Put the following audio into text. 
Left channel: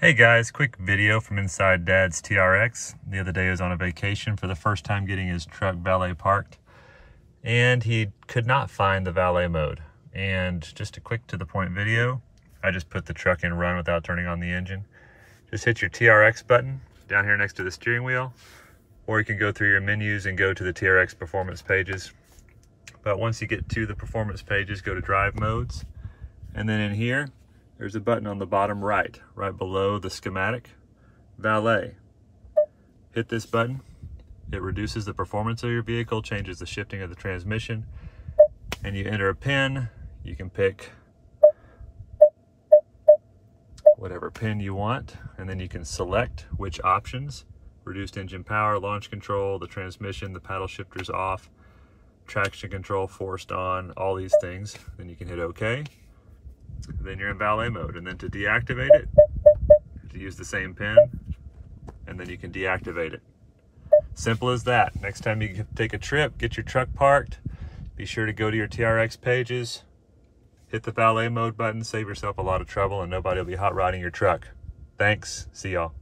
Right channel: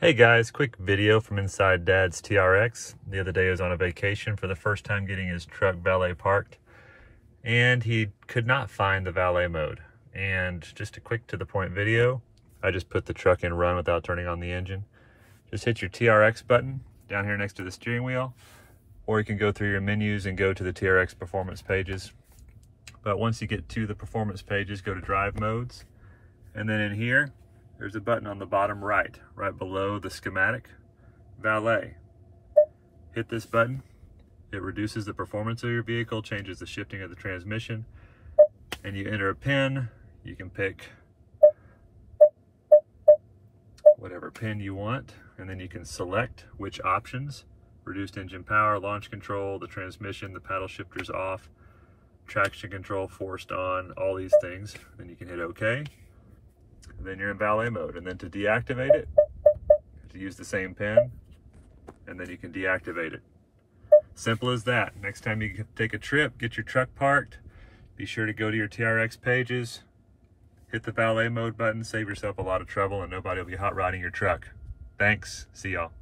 Hey guys, quick video from inside Dad's TRX. The other day he was on a vacation for the first time getting his truck valet parked, and he could not find the valet mode. And just a quick to the point video, I just put the truck in run without turning on the engine. Just hit your TRX button down here next to the steering wheel, or you can go through your menus and go to the TRX performance pages. But once you get to the performance pages, go to drive modes, and then in here, there's a button on the bottom right below the schematic, Valet. Hit this button. It reduces the performance of your vehicle, changes the shifting of the transmission, and you enter a pin. You can pick whatever pin you want, and then you can select which options: reduced engine power, launch control, the transmission, the paddle shifters off, traction control forced on, all these things. Then you can hit OK. Then you're in valet mode, and then to deactivate it, you have to use the same pin, and then you can deactivate it. Simple as that. Next time you take a trip, get your truck parked, be sure to go to your TRX pages, hit the valet mode button, save yourself a lot of trouble, and nobody will be hot rodding your truck. Thanks. See y'all.